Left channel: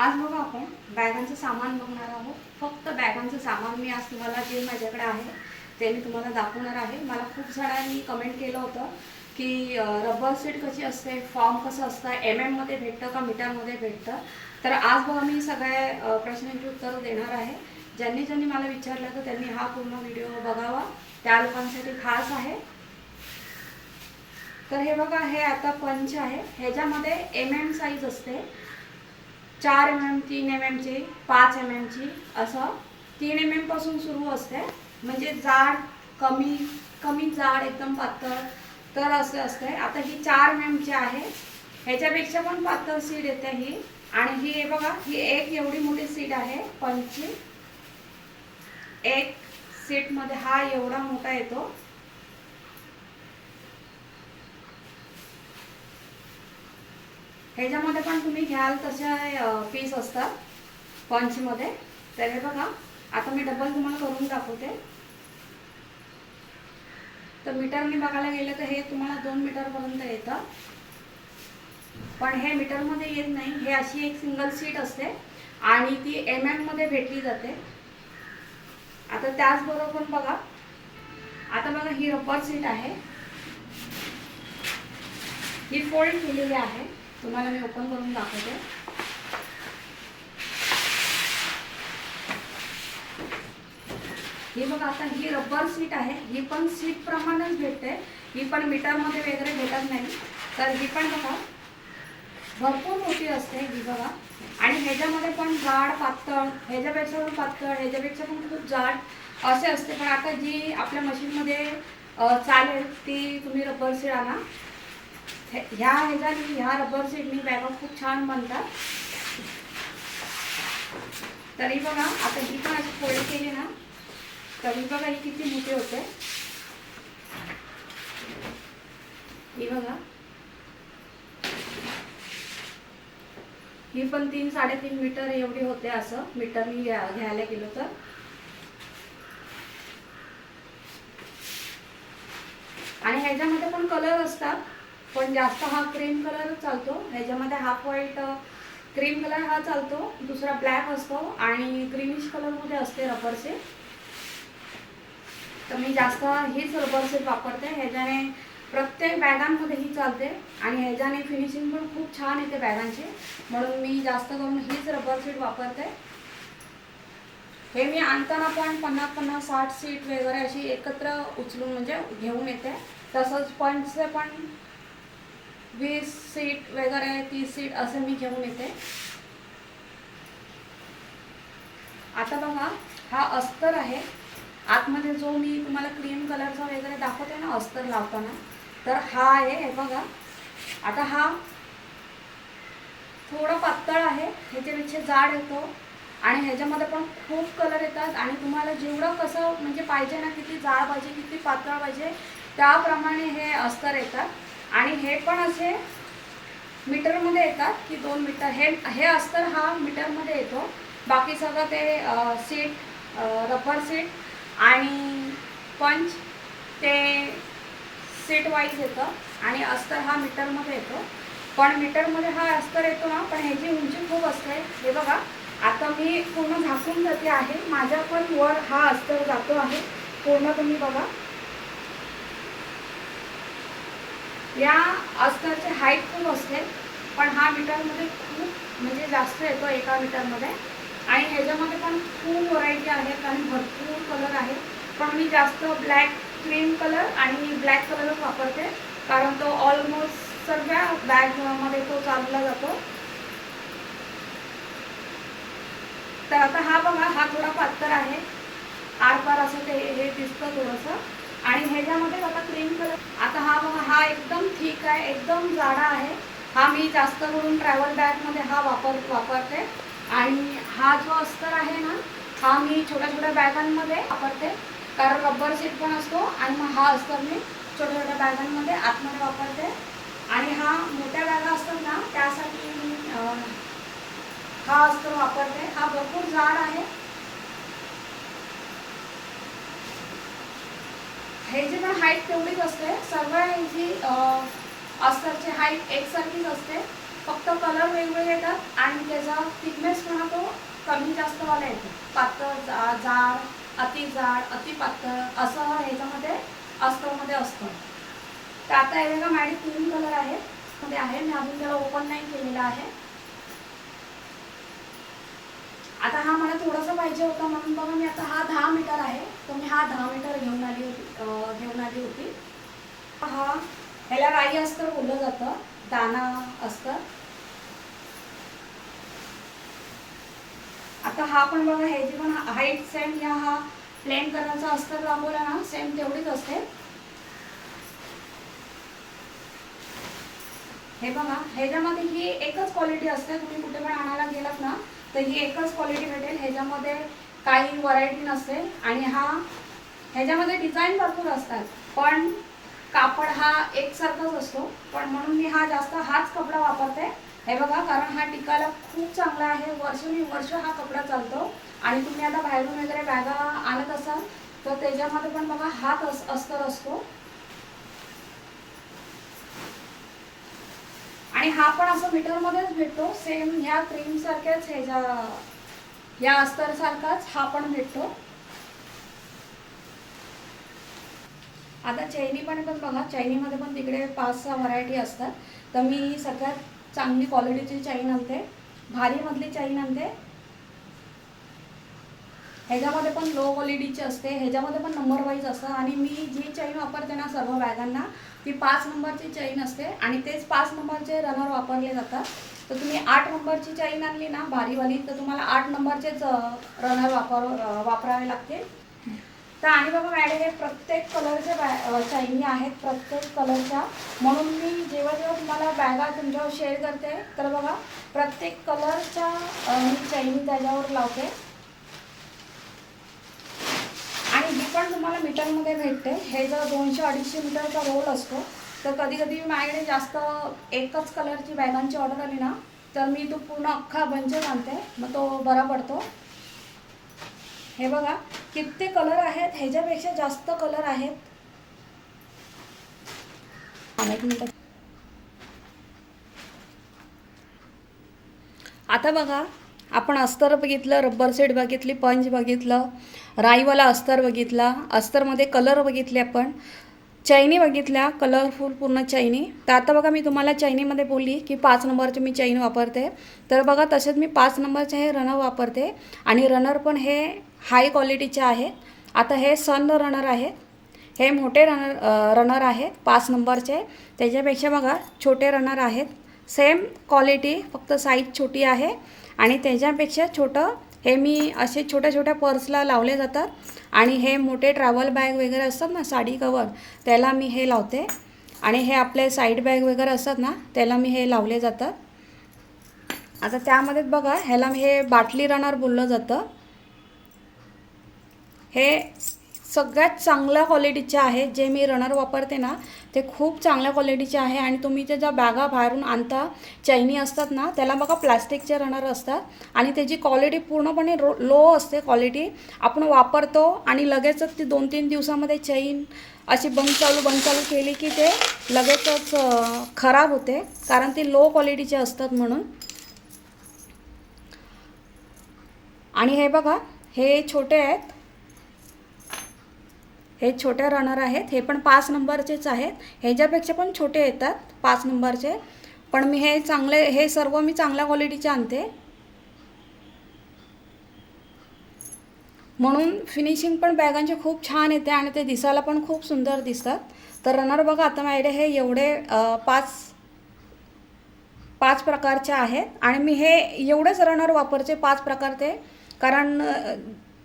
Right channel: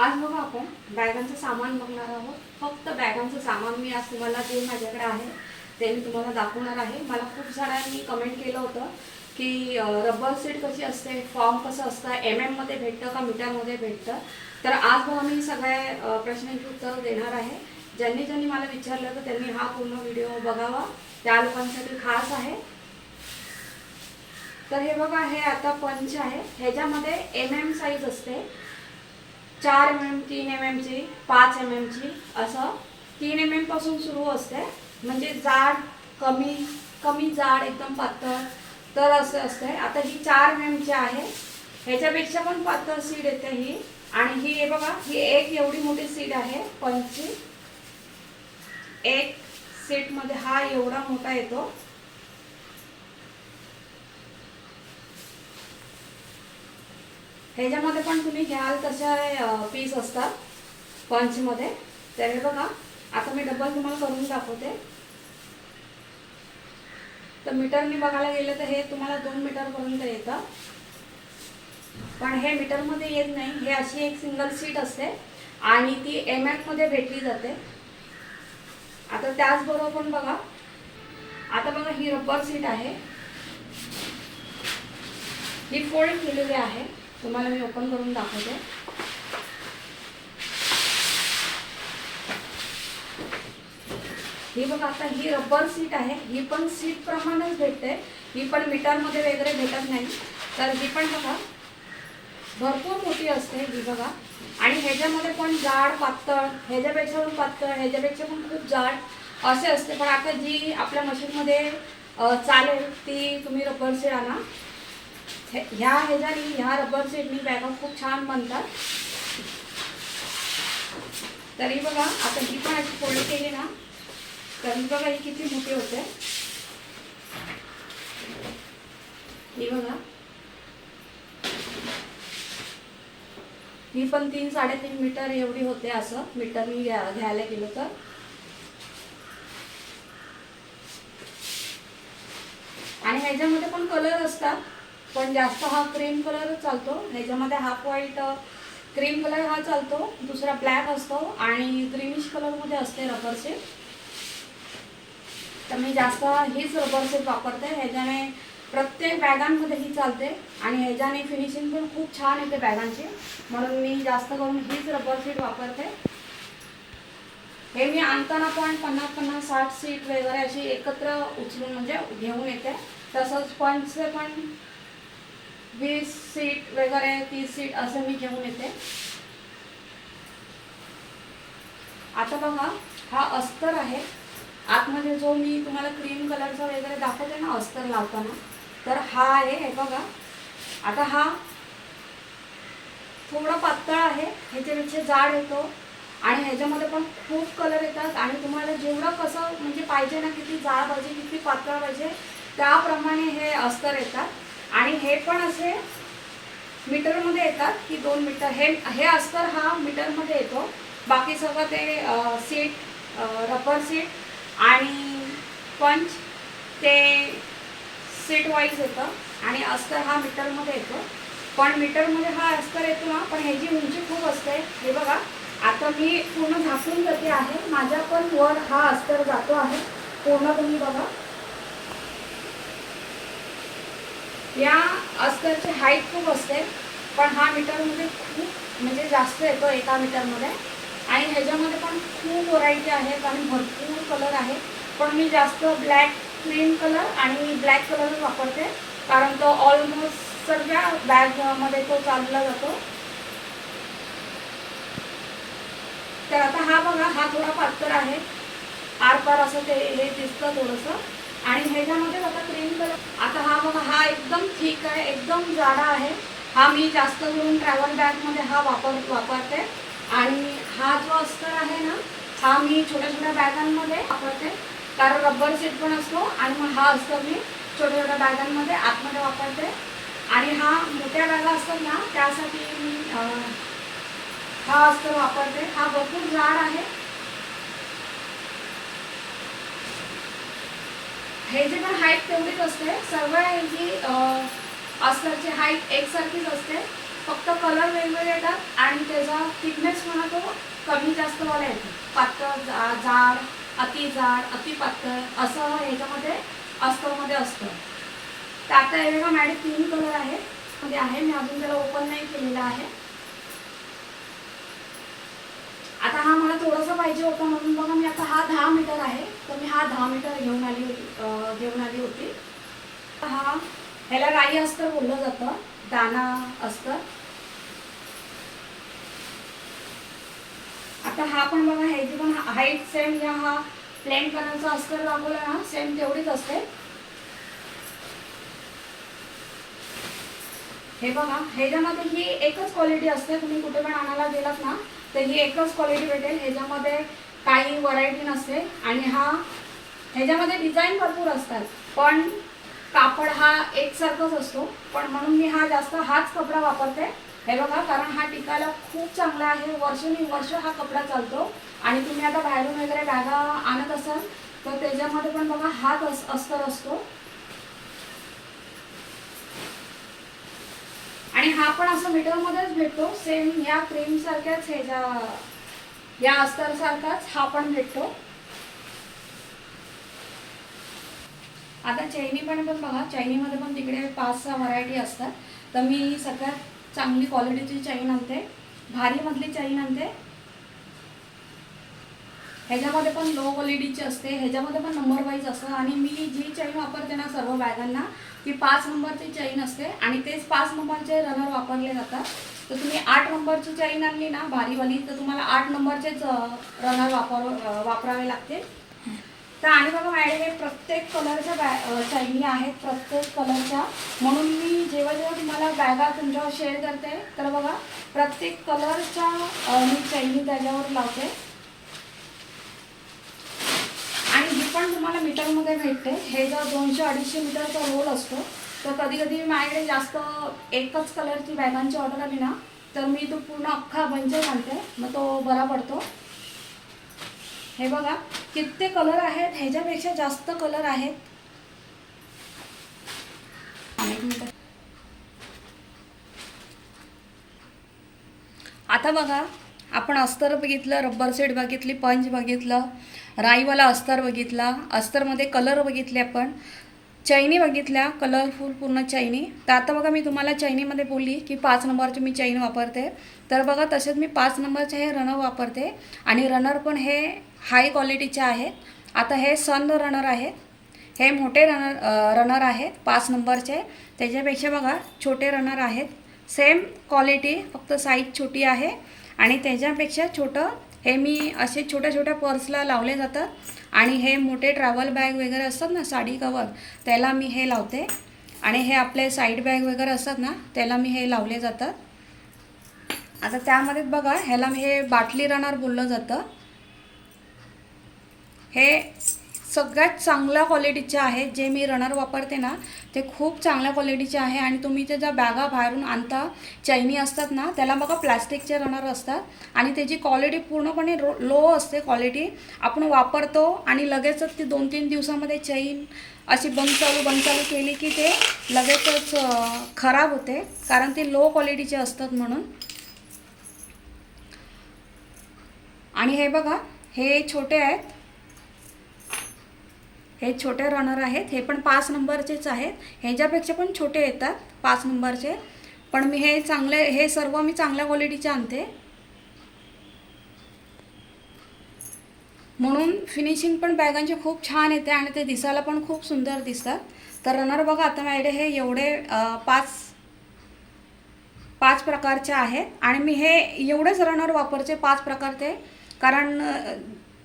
आज बघा आपण. बॅगांचं सामान बघणार आहोत. फक्त बॅगांचं सामान मी आज तुम्हाला जे माझ्याकडे आहे ते मी तुम्हाला दाखवणार आहे. मला खूप जणांनी कमेंट केलं होतं की रबर सीट कशी असते फॉर्म कसं असतं एम एममध्ये भेटतं का मीटरमध्ये भेटतं? तर आज बघा मी सगळ्या प्रश्नांची उत्तरं देणार आहे. ज्यांनी ज्यांनी मला विचारलं तर त्यांनी हा पूर्ण व्हिडिओ बघावा. त्या लोकांसाठी खास आहे. तर हे बघा हे आता पंच आहे. ह्याच्यामध्ये एम एम साईज असते. चार एम एम तीन एम एमची पाच एम एमची असं तीन एम एमपासून सुरू असते. म्हणजे जाड कमी कमी जाड एकदम पातळ तर असं असते. आता ही चार एम एमची आहे ह्याच्यापेक्षा पण पातळ सीड येते ही. आणि ही हे बघा ही एक एवढी मोठी सीड आहे पंचवीस. एक सीटमध्ये हा एवढा मोठा येतो. ह्याच्यामध्ये पण तुम्ही घ्याल तशा पीस असतात पंचमध्ये. तर हे बघा आता मी डबल तुम्हाला करून दाखवते. तर मीटरने बघायला गेलं तर हे तुम्हाला दोन मीटरपर्यंत येतं. पण हे मीटरमध्ये येत नाही. हे अशी एक सिंगल सीट असते. आणि ती एम एममध्ये भेटली जाते. आता त्याचबरोबर पण बघा आता बघा ही रबर सीट आहे. ही फोल्ड केलेली आहे. तुम्हाला मी ओपन करून दाखवते. ही बघा आता ही रबर सीट आहे. ही पण सीट प्रमाणेच भेटते. ही पण मीटरमध्ये वगैरे भेटत नाही. तर ही पण बघा भरपूर मोठी असते ही बघा. आणि ह्याच्यामध्ये पण जाड पातळ ह्याच्यापेक्षा पण पातळ ह्याच्यापेक्षा पण खूप जाड असे असते. पण आता जी आपल्या मशीनमध्ये चालेल ती तुम्ही रबर सीट आणा. ह्या ह्याच्यानी ह्या रबर सीटनी बॅगा खूप छान बनतात. तरी बघा आता ही पण अशी फोल्ड केली ना तरी बघा ही किती मोठी होते. ही बघा. ही पण तीन साडेतीन मीटर एवढी होते असं. मीटरनी घ्या घ्यायला गेलो तर. आणि ह्याच्यामध्ये पण कलर असतात. पण जास्त हा क्रीम कलर चालतो. ह्याच्यामध्ये हाफ व्हाईट क्रीम कलर हा चालतो. दुसरा ब्लॅक असतो आणि क्रीमिश कलरमध्ये असते रबर तर मी जास्त हीच रबर सेट वापरते. ह्याच्याने प्रत्येक बॅगांमध्ये ही चालते आणि ह्याच्याने फिनिशिंग पण खूप छान येते बॅगांची म्हणून मी जास्त करून हीच रबर सीट वापरते. हे मी आणताना पण पन्नास पन्नास साठ सीट वगैरे अशी एकत्र उचलून म्हणजे घेऊन येते. तसंच पंचचे पण वीस सीट वगैरे तीस सीट असं मी घेऊन येते. आता बघा हा अस्तर आहे. आतमध्ये जो मी तुम्हाला क्रीम कलरचा वगैरे दाखवते ना अस्तर लावताना तर हा आहे हे बघा. आता हा थोडा पातळ आहे ह्याच्यापेक्षा जाड येतो. आणि ह्याच्यामध्ये पण खूप कलर येतात. आणि तुम्हाला जेवढं कसं म्हणजे पाहिजे ना किती जाड पाहिजे किती पातळ पाहिजे त्याप्रमाणे हे अस्तर येतात. आणि हे पण असे मीटरमध्ये येतात की दोन मीटर. हे हे अस्तर हा मीटरमध्ये येतो. बाकी सगळं ते सीट रबर सीट आणि पंच ते सीट वाईज येतं. आणि अस्तर हा मीटरमध्ये येतो. पण मीटरमध्ये हा अस्तर येतो ना पण ह्याची उंची खूप असते. हे बघा आता मी पूर्ण झाकून जाते आहे. माझ्या पण वर हा अस्तर जातो आहे. पूर्ण तुम्ही बघा. या अस्तरची हाईट खूप असते पण हा मीटरमध्ये खूप म्हणजे जास्त येतो एका मीटरमध्ये. आणि ह्याच्यामध्ये पण खूप व्हरायटी आहेत आणि भरपूर कलर आहेत पण मी जास्त ब्लॅक क्रीम कलर आणि ब्लॅक कलरच वापरते कारण तो ऑलमोस्ट सगळ्या बॅगमध्ये तो चालला जातो. तर आता हा बघा हा थोडा पातळ आहे. आरपार असं ते हे दिसतं थोडंसं. आणि ह्याच्यामध्येच आता क्रीम कलर आता हा बघा हा एकदम ठीक आहे एकदम जाडा आहे. हा मी जास्त करून ट्रॅव्हल बॅगमध्ये हा वापर वापरते. आणि हा जो अस्तर आहे ना हा मी छोट्या छोट्या बॅगांमध्ये वापरते. कारण रबर सीट पण असतो आणि मग हा अस्तर मी छोट्या छोट्या बॅगांमध्ये आतमध्ये वापरते. आणि हा मोठ्या बॅगा असतात ना त्यासाठी मी हा अस्तर वापरते. हा भरपूर जाड आहे. ह्याची पण हाईट तेवढीच असते. सर्व ह्याची अं, अस्तरची हाईट एकसारखीच असते. फक्त कलर वेगवेगळे येतात आणि त्याचा थिकनेस म्हणा तो कमी जास्तवाला येतो. पातळ जा जाड अति जाड अति पातळ असं ह्याच्यामध्ये अस्तरमध्ये असतं. तर आता हे बघा मॅडम तीन कलर आहेत. मध्ये आहे मी अजून त्याला ओपन नाही केलेला आहे. आता हा मला थोडासा पाहिजे होता म्हणून बघा मी आता हा दहा मीटर आहे तर मी हा दहा मीटर घेऊन आली होती घेऊन आली होती. हा ह्याला राई अस्तर बोललं जातं दाना अस्तर. आता हा पण बघा ह्याची पण हाईट सेम या हा प्लेन कलरचा अस्तर लावला ना सेम तेवढीच असते हे बघा ह्याच्यामध्ये ही एकच क्वालिटी असते तुम्ही कुठे पण आणायला गेलात ना तर ही एकच क्वालिटी भेटेल. ह्याच्यामध्ये काही व्हरायटी नसते. आणि हा ह्याच्यामध्ये डिझाईन भरपूर असतात. पण कापड हा एकसारखाच असतो. पण म्हणून मी हा जास्त हाच कपडा वापरते. हे बघा कारण हा टिकायला खूप चांगला आहे. वर्षानुवर्ष हा कपडा चालतो. आणि तुम्ही आता बाहेरून वगैरे बॅगा आणत असाल तर त्याच्यामध्ये पण बघा हाच अस अस्तर असतो. आणि हा पण असं मीटरमध्येच भेटतो. सेम ह्या क्रीमसारख्याच ह्याचा या अस्तरसारखाच हा पण भेटतो. आता चैनी पण पण बघा चैनीमध्ये पण तिकडे पाच सहा व्हरायटी असतात. तर मी सगळ्यात चांगली क्वालिटीची चैन आणते. भारीमधली चैन आणते. ह्याच्यामध्ये पण लो क्वालिटीची असते. ह्याच्यामध्ये पण नंबर वाईज असतं. आणि मी जी चैन वापरते ना सर्व बॅगांना ती पाच नंबरची चैन असते. आणि तेच पाच नंबरचे रनर वापरले जातात. तर तुम्ही आठ नंबरची चैन आणली ना भारीवाली तर तुम्हाला आठ नंबरचेच रनर वापर वापरावे लागतील. तर आणि बघा माझ्याकडे हे प्रत्येक कलरच्या बॅ चैनी आहेत प्रत्येक कलरच्या म्हणून मी जेव्हा जेव्हा तुम्हाला बॅगा तुमच्यावर शेअर करते तर बघा प्रत्येक कलरच्या मी चैनी त्याच्यावर लावते. आणि ही पण तुम्हाला मीटरमध्ये भेटते. हे जर दोनशे अडीचशे मीटरचा रोल असतो तर कधी कधी माझ्याकडे जास्त एकच कलरची बॅगांची ऑर्डर आली ना तर मी तो पूर्ण अख्खा बंच आणते. मग तो बरा पडतो. हे बघा किती कलर आहेत? ह्याच्यापेक्षा जास्त कलर आहेत. आता बघा आपण अस्तर बघितलं रब्बर सेट बघितली पंच बघितलं राईवाला अस्तर बघितला अस्तरमध्ये कलर बघितले आपण. चैनी बघितल्या कलरफुल पूर्ण चैनी. तर आता बघा मी तुम्हाला चैनीमध्ये बोलली की पाच नंबरची मी चैन वापरते. तर बघा तसेच मी पाच नंबरचे हे रनर वापरते. आणि रनर पण हे हाय क्वालिटीचे आहेत आता हे सन रनर आहेत हे मोठे रनर रनर आहे. पाच नंबरचे. त्याच्यापेक्षा बघा छोटे रनर आहेत. सेम क्वालिटी फक्त साईज छोटी आहे. आणि त्याच्यापेक्षा छोटं हे मी असे छोट्या छोट्या पर्सला लावले जातात. आणि हे मोठे ट्रॅव्हल बॅग वगैरे असतात ना साडी कवर त्याला मी हे लावते. आणि हे आपले साईड बॅग वगैरे असतात ना त्याला मी हे लावले जातात. आता त्यामध्ये बघा ह्याला हे बाटली रनर बोललं जातं. हे सगळ्यात चांगल्या क्वालिटीचे आहेत जे मी रनर वापरते ना ते खूप चांगल्या क्वालिटीचे आहे. आणि तुम्ही ते ज्या बॅगा बाहेरून आणता चैनी असतात ना त्याला बघा प्लॅस्टिकचे रनर असतात. आणि त्याची क्वालिटी पूर्णपणे रो लो असते क्वालिटी आपण वापरतो आणि लगेचच ती दोन तीन दिवसामध्ये चैन अशी बंद चालू बंद चालू केली की ते लगेचच खराब होते. कारण ती लो क्वालिटीचे असतात म्हणून. आणि हे बघा हे छोटे आहेत. हे छोटे रनर आहेत. हे पण पाच नंबरचेच आहेत. ह्याच्यापेक्षा पण छोटे येतात पाच नंबरचे. पण मी हे चांगले हे सर्व मी चांगल्या क्वालिटीचे आणते. म्हणून फिनिशिंग पण बॅगांची खूप छान येते आणि ते दिसायला पण खूप सुंदर दिसतात. तर रनर बघा आता माझ्याकडे हे एवढे पाच पाच प्रकारचे आहेत. आणि मी हे एवढेच रनर वापरते पाच प्रकारचे. कारण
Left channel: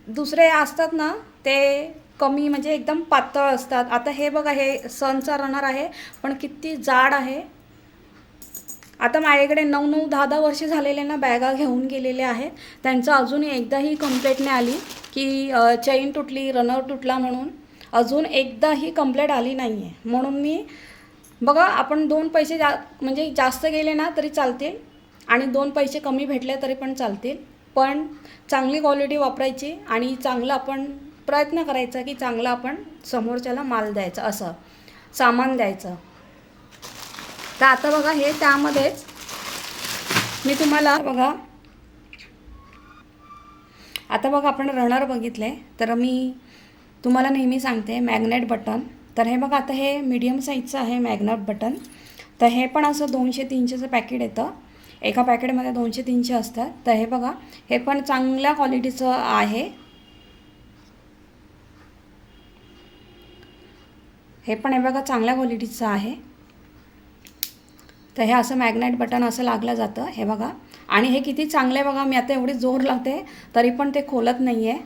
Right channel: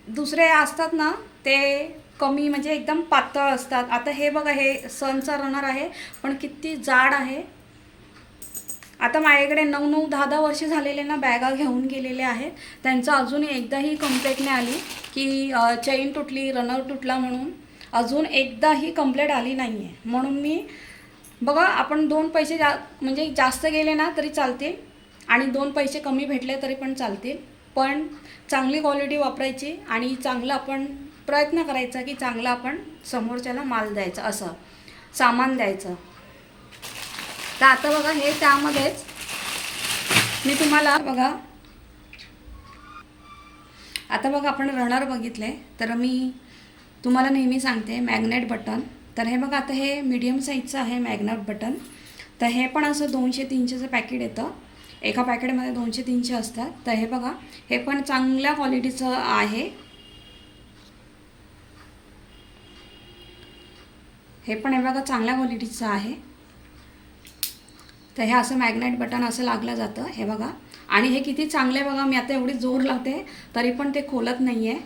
दुसरे असतात ना ते कमी म्हणजे एकदम पातळ असतात. आता हे बघा हे सनचा रनर आहे पण किती जाड आहे. आता माझ्याकडे नऊ नऊ दहा दहा वर्ष झालेले ना बॅगा घेऊन गेलेले आहेत. त्यांचं अजून एकदाही कंप्लेंट नाही आली की चैन तुटली रनर तुटला म्हणून. अजून एकदाही कंप्लेंट आली नाही आहे म्हणून मी बघा आपण दोन पैसे जा म्हणजे जास्त गेले ना तरी चालतील. आणि दोन पैसे कमी भेटले तरी पण चालतील. पण चांगली क्वालिटी वापरायची आणि चांगलं आपण प्रयत्न करायचा की चांगलं आपण समोरच्याला माल द्यायचा असं. सामान द्यायचं. तर आता बघा हे त्यामध्येच मी तुम्हाला बघा आता बघा आपण रनर बघितले तर मी तुम्हाला नेहमी सांगते मॅग्नेट बटन. तर हे बघा आता हे मीडियम साईजचं आहे मॅग्नेट बटन. तर हे पण असं दोनशे तीनशेचं पॅकेट येतं. एका पॅकेटमध्ये दोनशे तीनशे असतात. तर हे बघा हे पण चांगल्या क्वालिटीचं आहे. हे पण हे बघा चांगल्या क्वालिटीचं आहे. तर हे असं मॅग्नेट बटन असं लागलं जातं हे बघा. आणि हे किती चांगलं आहे बघा मी आता एवढी जोर लावते तरी पण ते खोलत नाही आहे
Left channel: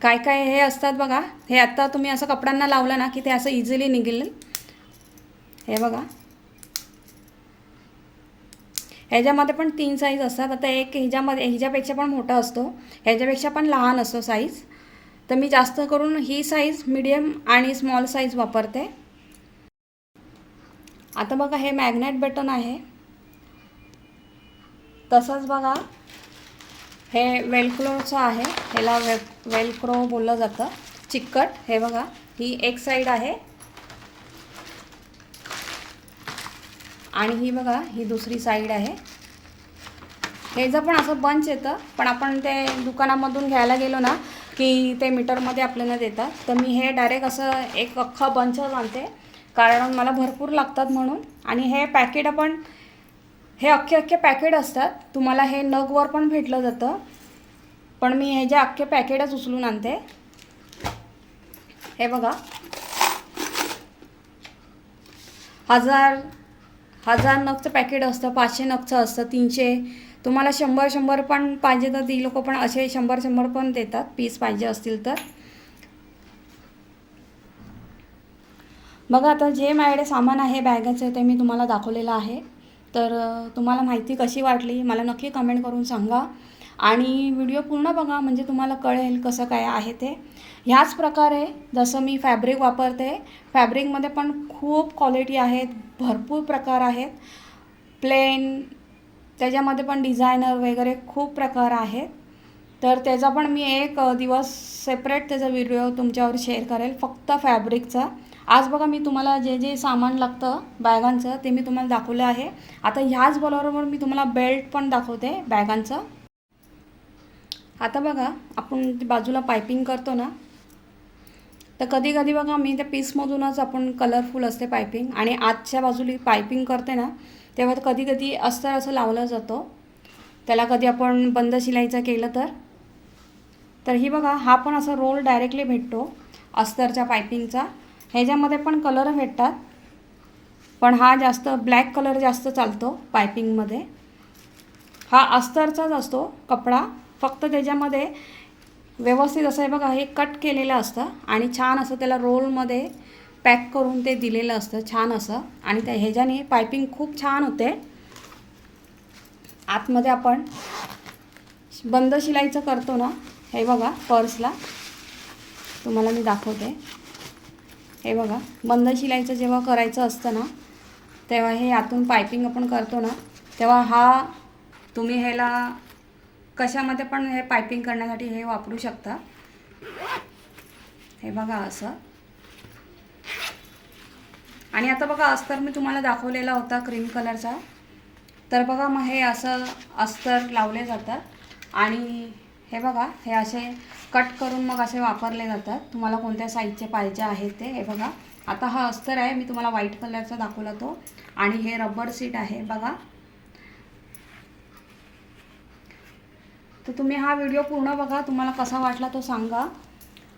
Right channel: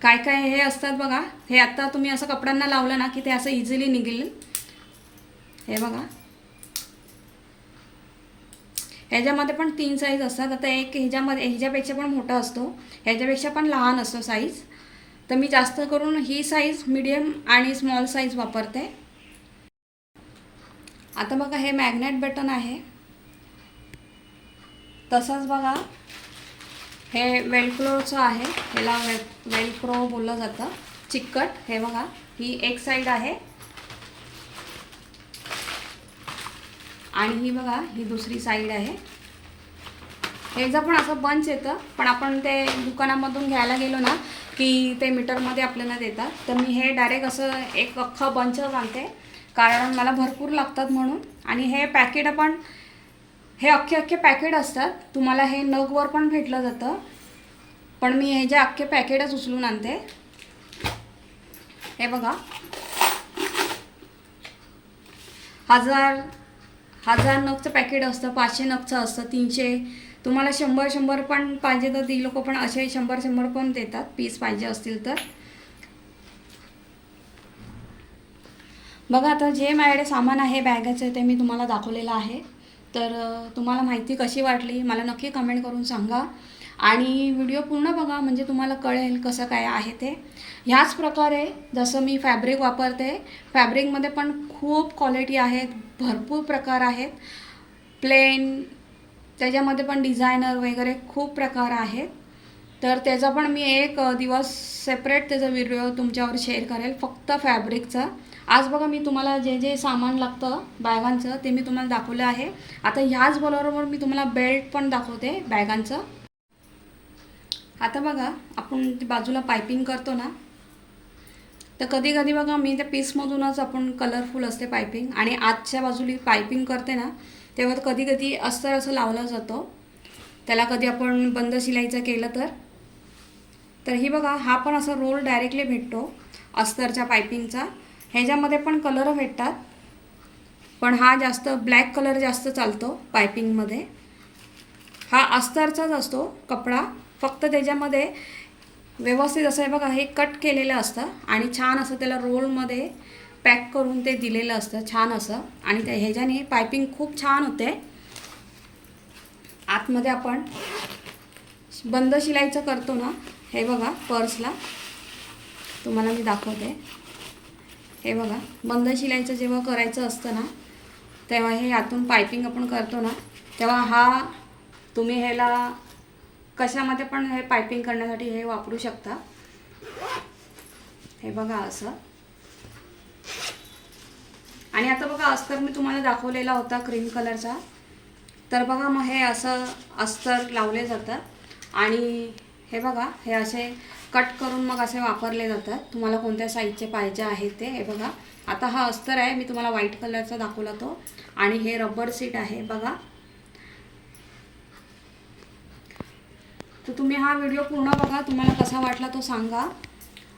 काय काय हे असतात बघा हे आत्ता तुम्ही असं कपड्यांना लावलं ना की ते असं इझिली निघेल. हे बघा. ह्याच्यामध्ये पण तीन साईज असतात आता एक ह्याच्यामध्ये ह्याच्यापेक्षा पण मोठा असतो ह्याच्यापेक्षा पण लहान असतो साईज तर मी जास्त करून ही साईज मीडियम आणि स्मॉल साईज वापरते. आता बघा हे मॅग्नेट बटन आहे. तसंच बघा हे वेलक्रोचं आहे. ह्याला वे वेलक्रो बोललं जातं. चिकट हे बघा ही एक साईड आहे. आणि ही बघा ही दुसरी साईड आहे. ह्याचं पण असं बंच येतं पण आपण ते दुकानामधून घ्यायला गेलो ना की ते मीटरमध्ये आपल्याला देतात. तर मी हे डायरेक्ट असं एक अख्खा बंच आणते कारण मला भरपूर लागतात म्हणून. आणि हे पॅकेट आपण हे अख्खे अख्खे पॅकेट असतात. तुम्हाला हे नगवर पण भेटलं जातं. पण मी हे जे अख्खे पॅकेटच उचलून आणते. हे बघा. हजार हजार नगचं पॅकेट असतं पाचशे नगचं असतं तीनशे तुम्हाला शंभर शंभर पण पाहिजे तर ती लोक पण असे शंभर शंभर पण देतात. पीस पाहिजे असतील तर. बघा आता जे माझ्याकडे सामान आहे बॅगाचं ते मी तुम्हाला दाखवलेलं आहे. तर तुम्हाला माहिती कशी वाटली मला नक्की कमेंट करून सांगा. आणि व्हिडिओ पूर्ण बघा म्हणजे तुम्हाला कळेल कसं काय आहे ते. ह्याच प्रकारे जसं मी फॅब्रिक वापरते फॅब्रिकमध्ये पण खूप क्वालिटी आहेत भरपूर प्रकार आहेत. प्लेन त्याच्यामध्ये पण डिझायनर वगैरे खूप प्रकार आहेत. तर त्याचा पण मी एक दिवस सेपरेट त्याचा व्हिडिओ तुमच्यावर शेअर करेल फक्त फॅब्रिकचा आज बघा मी तुम्हाला जे जे सामान लागतं बॅगांचं ते मी तुम्हाला दाखवलं आहे. आता ह्याच बरोबर मी तुम्हाला बेल्ट पण दाखवते बॅगांचं आता बघा आपण बाजूला पायपिंग करतो ना. तर कधी कधी बघा मी त्या पीसमधूनच आपण कलरफुल असते पायपिंग आणि आजच्या बाजूला पायपिंग करते ना तेव्हा कधी कधी अस्तर असं लावलं जातं. त्याला कधी आपण बंद शिलाईचं केलं तर. तर ही बघा हा पण असा रोल डायरेक्टली भेटतो अस्तरच्या पायपिंगचा ह्याच्यामध्ये पण कलर भेटतात. पण हा जास्त ब्लॅक कलर जास्त चालतो पायपिंगमध्ये हा अस्तरचाच असतो कपडा. फक्त त्याच्यामध्ये व्यवस्थित असं आहे बघा हे कट केलेलं असतं. आणि छान असं त्याला रोलमध्ये पॅक करून ते दिलेलं असतं छान असं. आणि त्या ह्याच्याने पायपिंग खूप छान होते. आतमध्ये आपण बंद शिलाईचं करतो ना हे बघा पर्सला. तुम्हाला मी दाखवते. हे बघा बंद शिलाईचं जेव्हा करायचं असतं ना तेव्हा हे आतून पायपिंग आपण करतो ना तेव्हा हा तुम्ही ह्याला कशामध्ये पण हे पायपिंग करण्यासाठी हे वापरू शकता. हे बघा असं. आणि आता बघा अस्तर मी तुम्हाला दाखवलेला होता क्रीम कलरचा तर बघा मग हे असं अस्तर लावले जातात. आणि हे बघा हे असे कट करून मग असे वापरले जातात. तुम्हाला कोणत्या साईजचे पाहिजे आहेत ते हे बघा. आता हा अस्तर आहे मी तुम्हाला व्हाईट कलरचा दाखवला तो. आणि हे रबर सीट आहे बघा. तर तुम्ही हा व्हिडिओ पूर्ण बघा तुम्हाला कसा वाटला तो सांगा.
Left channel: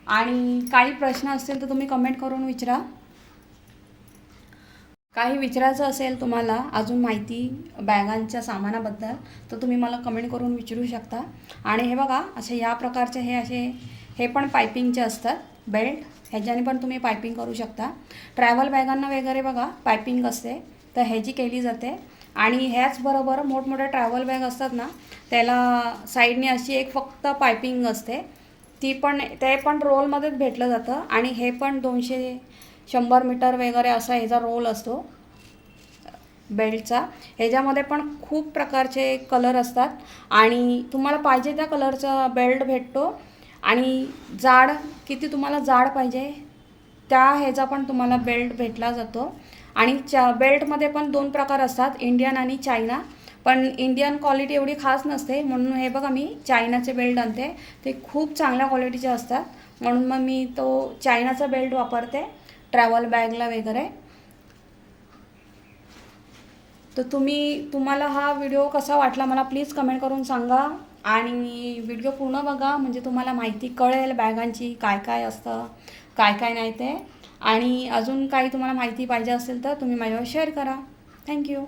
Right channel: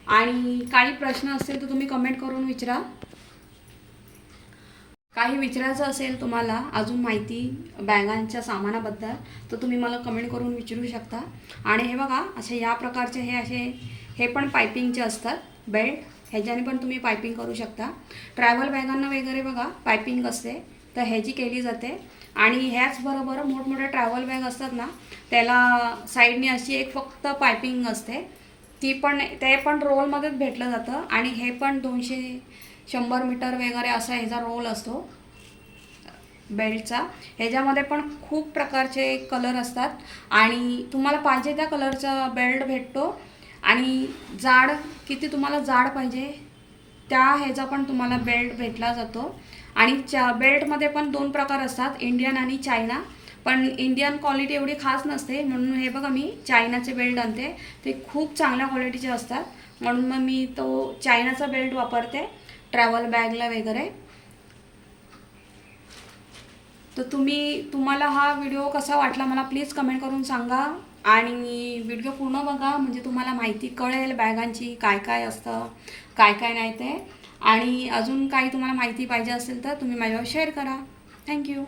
आणि काही प्रश्न असतील तर तुम्ही कमेंट करून विचारा. काही विचारायचं असेल तुम्हाला अजून माहिती बॅगांच्या सामानाबद्दल तर तुम्ही मला कमेंट करून विचारू शकता. आणि हे बघा असे या प्रकारचे हे असे हे पण पायपिंगचे असतात बेल्ट. ह्याच्याने पण तुम्ही पायपिंग करू शकता. ट्रॅव्हल बॅगांना वगैरे बघा पायपिंग असते तर ह्याची केली जाते. आणि ह्याचबरोबर मोठमोठ्या ट्रॅव्हल बॅग असतात ना त्याला साईडने अशी एक फक्त पायपिंग असते. ती पण ते पण रोलमध्येच भेटलं जातं. आणि हे पण दोनशे शंभर मीटर वगैरे असा ह्याचा रोल असतो. बेल्टचा ह्याच्यामध्ये पण खूप प्रकारचे कलर असतात. आणि तुम्हाला पाहिजे त्या कलरचा बेल्ट भेटतो. आणि जाड किती तुम्हाला जाड पाहिजे त्या ह्याचा पण तुम्हाला बेल्ट भेटला जातो. आणि च्या बेल्टमध्ये पण दोन प्रकार असतात इंडियन आणि चायना पण इंडियन क्वालिटी एवढी खास नसते. म्हणून हे बघा मी चायनाचे बेल्ट आणते. ते खूप चांगल्या क्वालिटीचे असतात. म्हणून मग मी तो चायनाचा बेल्ट वापरते. ट्रॅव्हल बॅगला वगैरे. तर तुम्ही तुम्हाला हा व्हिडिओ कसा वाटला मला प्लीज कमेंट करून सांगा. आणि व्हिडिओ पूर्ण बघा म्हणजे तुम्हाला माहिती कळेल बॅगांची काय काय असतं काय काय नाही ते. आणि अजून काही तुम्हाला माहिती पाहिजे असेल तर तुम्ही माझ्यावर शेअर करा. थँक्यू